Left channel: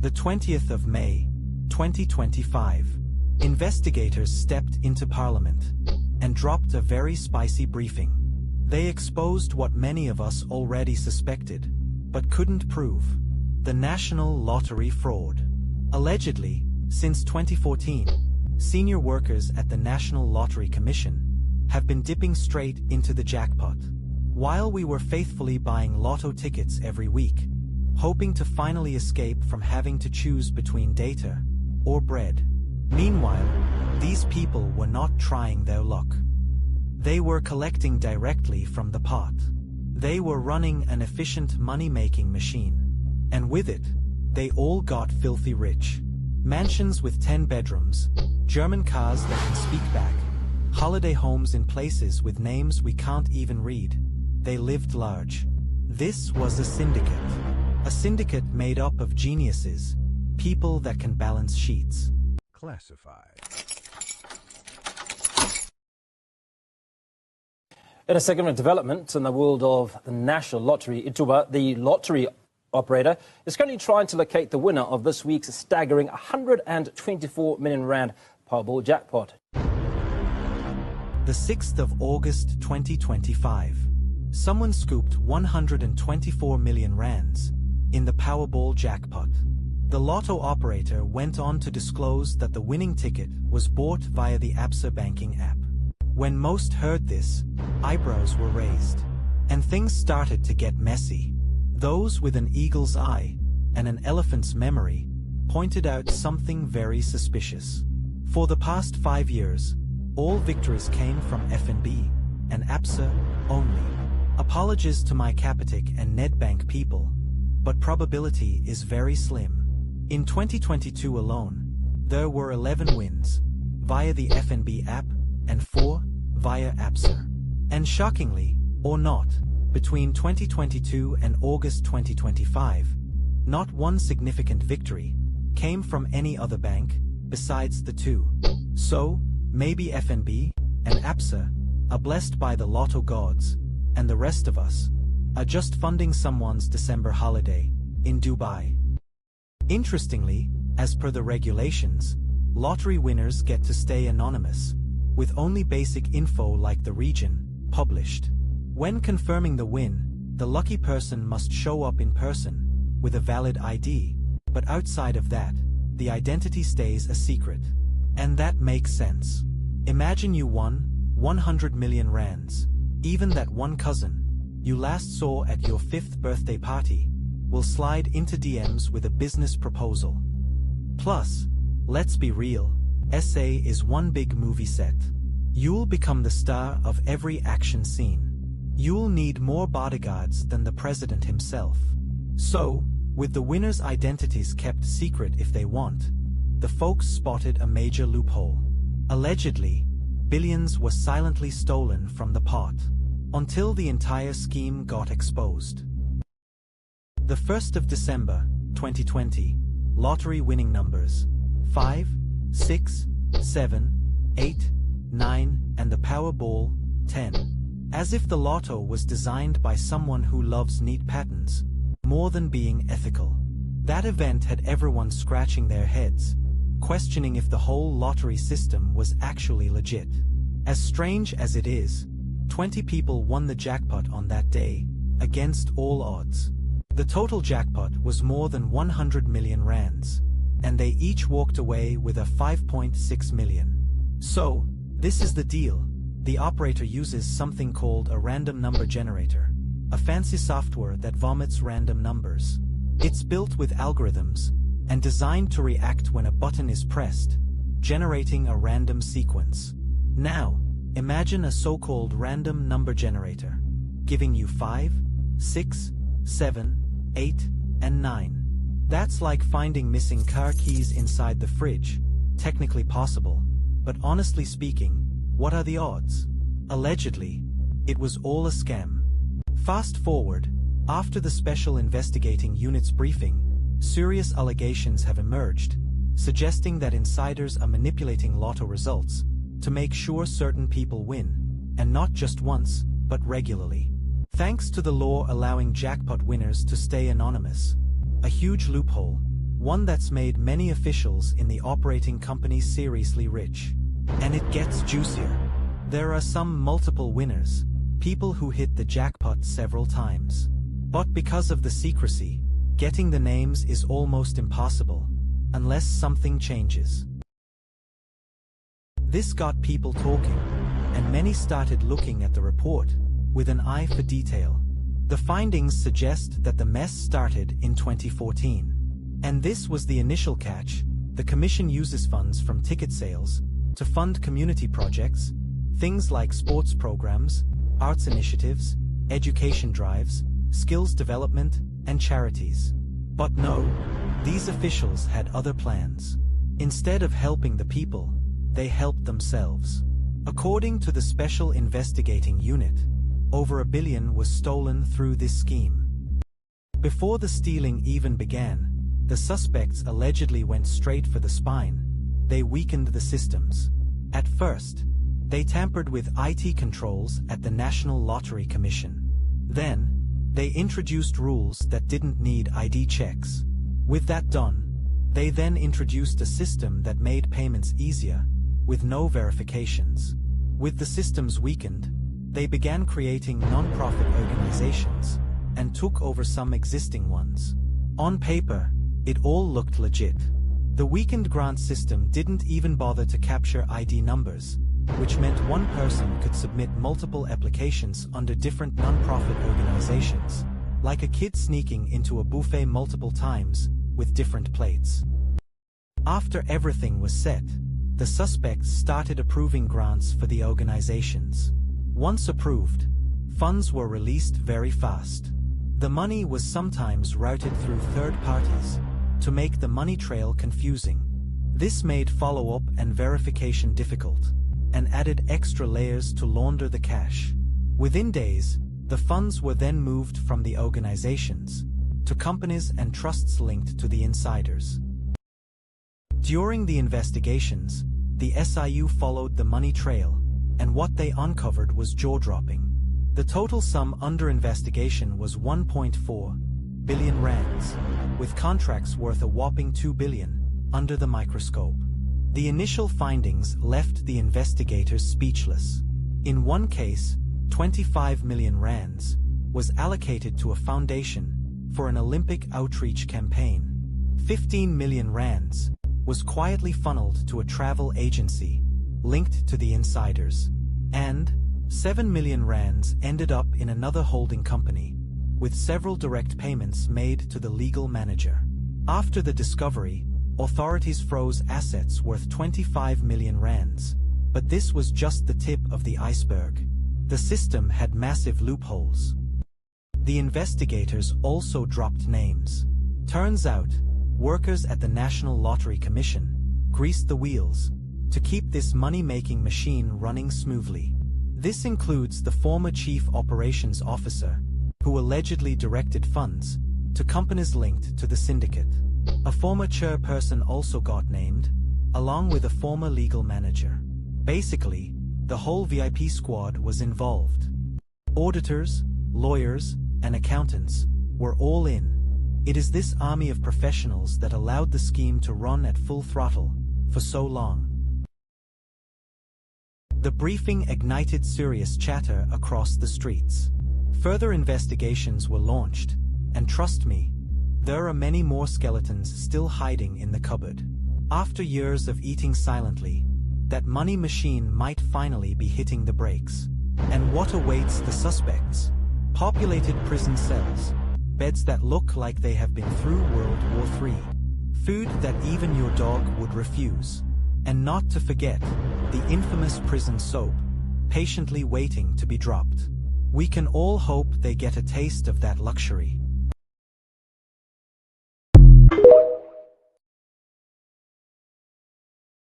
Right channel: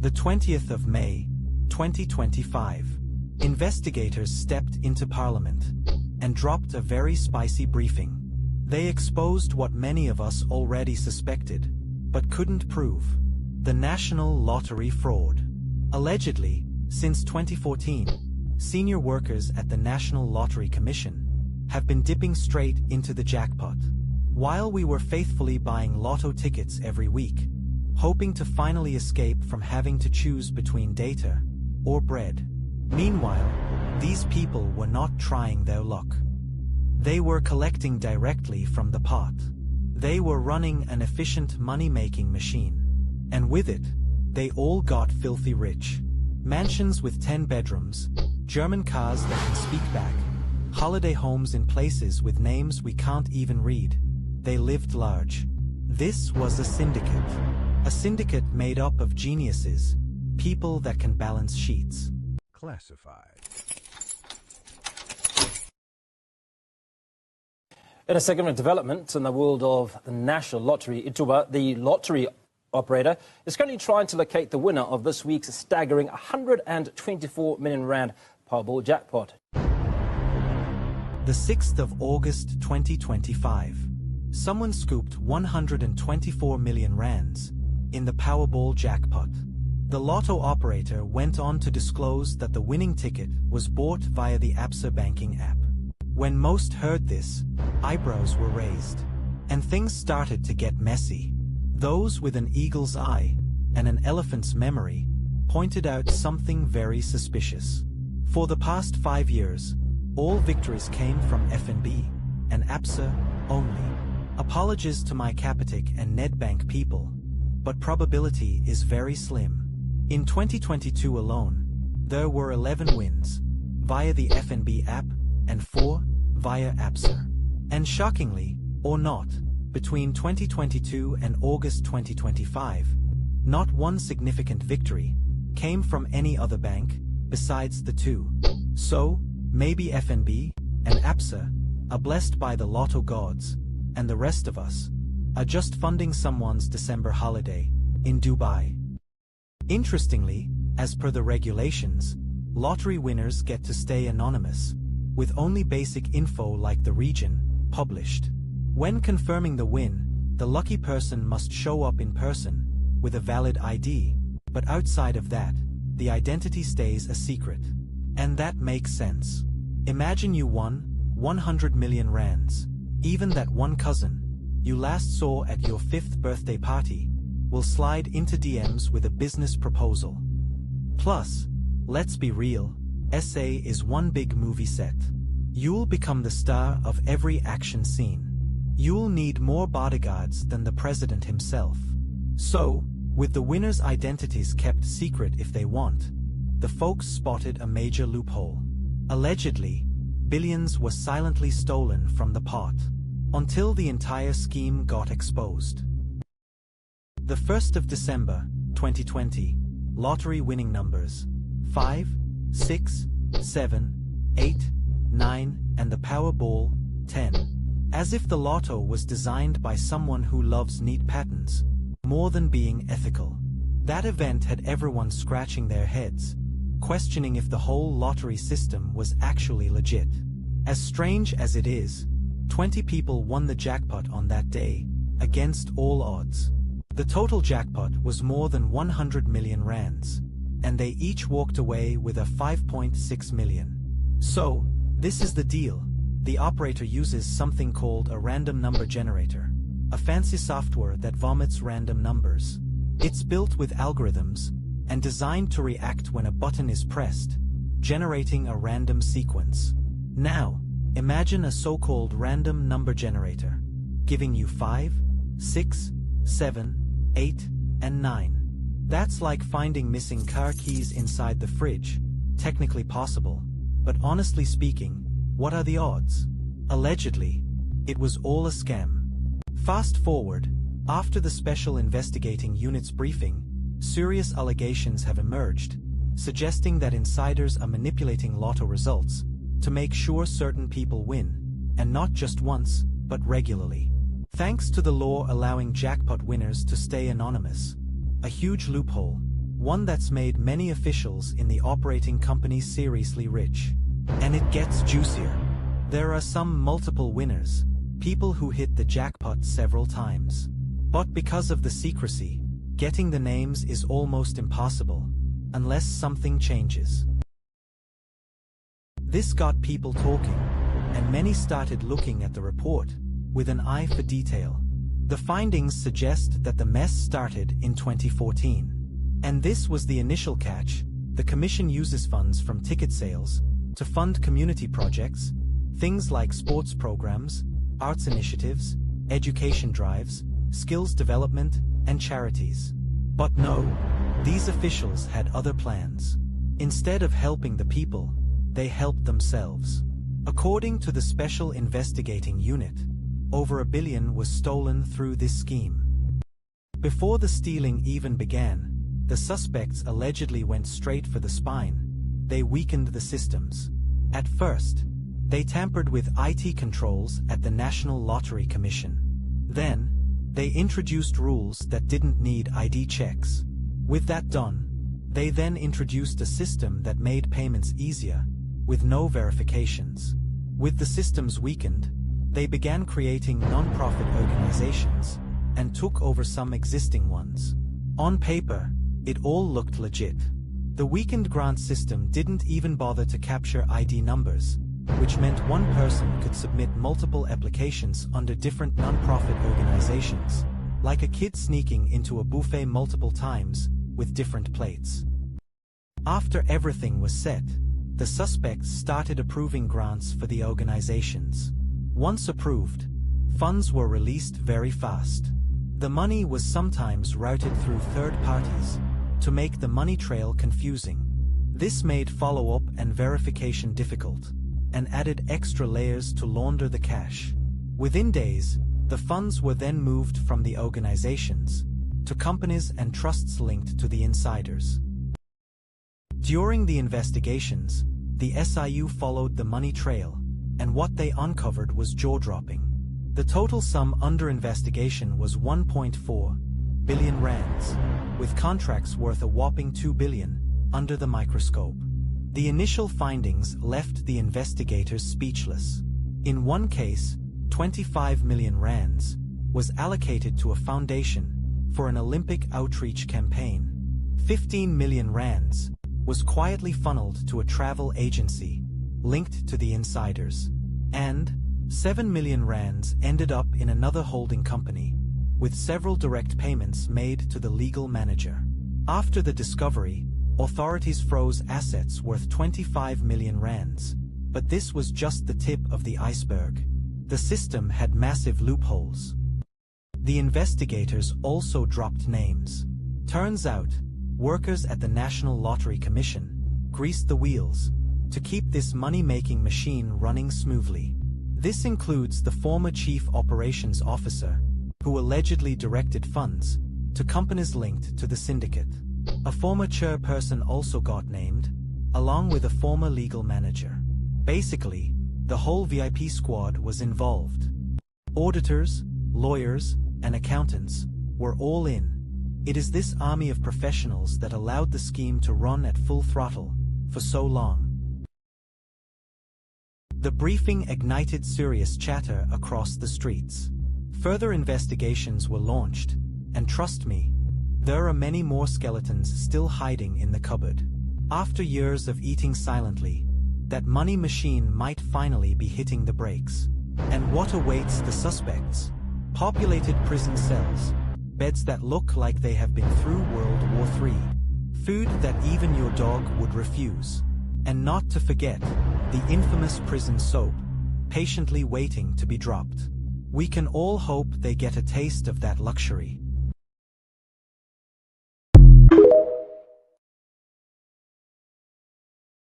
The 20th of May, 2025. Investigators stepped into Parliament and dropped a very spicy briefing. They exposed what many of us already suspected, but couldn't prove: the national lottery fraud. Allegedly, since 2014, senior workers at the National Lottery Commission have been dipping straight into the jackpot, while we were faithfully buying lotto tickets every week, hoping to finally escape from having to choose between data or bread. Meanwhile, these people were not trying their luck. They were collecting directly from the pot. They were running an efficient money-making machine. And with it, they all got filthy rich. Mansions with 10 bedrooms, German cars that can speak back, holiday homes in places with names we can't even read. They lived large. This was a syndicate. A syndicate made up of geniuses, people that can balance sheets. Classified. In a second of development in the world of the National Lottery, Ituba, the lottery operator, is currently trying to locate the winner of this week's staggering 124 million rand Powerball jackpot. The 6th of August 2025. Someone scooped 124 million rands in the Powerball jackpot. The lotto operator went on to disclose that the winning ticket was bought via the Absa banking app. When most heard this, eyebrows were raised, and things started to get messy. Those with an eagle's eye and an elephant's memory pointed out something very suspicious. For the past 5 years, all victories came from FNB and Absa only. Apologies to my Capitec and Nedbank people, but probability is very slim. In 2022 alone, there were 11 wins via the FNB app and 4 via Absa. And shockingly, or not, between 2022 and August 2025, not one significant victory came from any other bank besides the two. So, maybe FNB and Absa are blessed by the lotto gods, and the rest of us are just funding someone's December holiday in Dubai. Interestingly, as per the regulations, lottery winners get to stay anonymous, with only basic info like the region published. When confirming the win, the lucky person must show up in person with a valid ID, but outside of that, the identity stays a secret. And that makes sense. Imagine you won 100 million rands. Even that one cousin you last saw at your 5th birthday party will slide into DMs with a business proposal. Plus, let's be real, SA is one big movie set. You'll become the star of every action scene. You'll need more bodyguards than the president himself. So, with the winners' identities kept secret if they want, the folks spotted a major loophole. Allegedly, billions were silently stolen from the pot, until the entire scheme got exposed. The 1st of December, 2020, lottery winning numbers 5, 6, 7, 8, 9, and the Powerball 10. As if the lotto was designed by someone who loves neat patterns more than being ethical. That event had everyone scratching their heads, questioning if the whole lottery system was actually legit. As strange as it is, 20 people won the jackpot on that day, against all odds. The total jackpot was more than 100 million rands, and they each walked away with a 5.6 million. So, this is the deal. The operator uses something called a random number generator, a fancy software that vomits random numbers. It's built with algorithms and designed to react when a button is pressed, generating a random sequence. Now, imagine a so-called random number generator, giving you 5, 6, 7, 8, and 9. That's like finding missing car keys inside the fridge. Technically possible, but honestly speaking, what are the odds? Allegedly, it was all a scam. Fast forward, after the Special Investigating Unit's briefing, serious allegations have emerged, suggesting that insiders are manipulating lotto results to make sure certain people win, and not just once, but regularly. Thanks to the law allowing jackpot winners to stay anonymous, a huge loophole, one that's made many officials in the operating company seriously rich. And it gets juicier. There are some multiple winners, people who hit the jackpot several times. But because of the secrecy, getting the names is almost impossible, unless something changes. This got people talking, and many started looking at the report with an eye for detail. The findings suggest that the mess started in 2014. And this was the initial catch. The Commission uses funds from ticket sales to fund community projects, things like sports programs, arts initiatives, education drives, skills development, and charities. But no, these officials had other plans. Instead of helping the people, they helped themselves. According to the Special Investigating Unit, over $1 billion was stolen through this scheme. Before the stealing even began, the suspects allegedly went straight for the spine. They weakened the systems. At first, they tampered with IT controls at the National Lottery Commission. Then, they introduced rules that didn't need ID checks. With that done, they then introduced a system that made payments easier, with no verifications. With the systems weakened, they began creating non-profit organizations and took over some existing ones. On paper, it all looked legit. The weakened grant system didn't even bother to capture ID numbers, which meant one person could submit multiple applications under different non-profit organizations, like a kid sneaking into a buffet multiple times with different plates. After everything was set, the suspects started approving grants for the organizations. Once approved, funds were released very fast. The money was sometimes routed through third parties to make the money trail confusing. This made follow-up and verification difficult, and added extra layers to launder the cash. Within days, the funds were then moved from the organizations to companies and trusts linked to the insiders. During the investigations, the SIU followed the money trail, and what they uncovered was jaw-dropping. The total sum under investigation was 1.4 billion rands, with contracts worth a whopping 2 billion under the microscope. The initial findings left the investigators speechless. In one case, 25 million rands was allocated to a foundation for an Olympic outreach campaign. 15 million rands was quietly funneled to a travel agency linked to the insiders, and 7 million rands ended up in another holding company, with several direct payments made to the legal manager. After the discovery, authorities froze assets worth 25 million rands, but this was just the tip of the iceberg. The system had massive loopholes. The investigators also dropped names. Turns out, workers at the National Lottery Commission greased the wheels to keep this money-making machine running smoothly. This includes the former chief operations officer, who allegedly directed funds to companies linked to the syndicate. A former chairperson also got named, along with a former legal manager. Basically, the whole VIP squad was involved. Auditors, lawyers, and accountants were all in. It is this army of professionals that allowed the scheme to run at full throttle for so long. The briefing ignited serious chatter across the streets. Further investigations were launched, and trust me, there are many more skeletons still hiding in the cupboard. After years of eating silently, that money machine might finally be hitting the brakes. And what awaits the suspects? Populated prison cells, beds that look like they have been through World War III, food that even your dog would refuse, and not to forget, the infamous prison soap, patiently waiting to be dropped. We can all hope they get a taste of that luxury.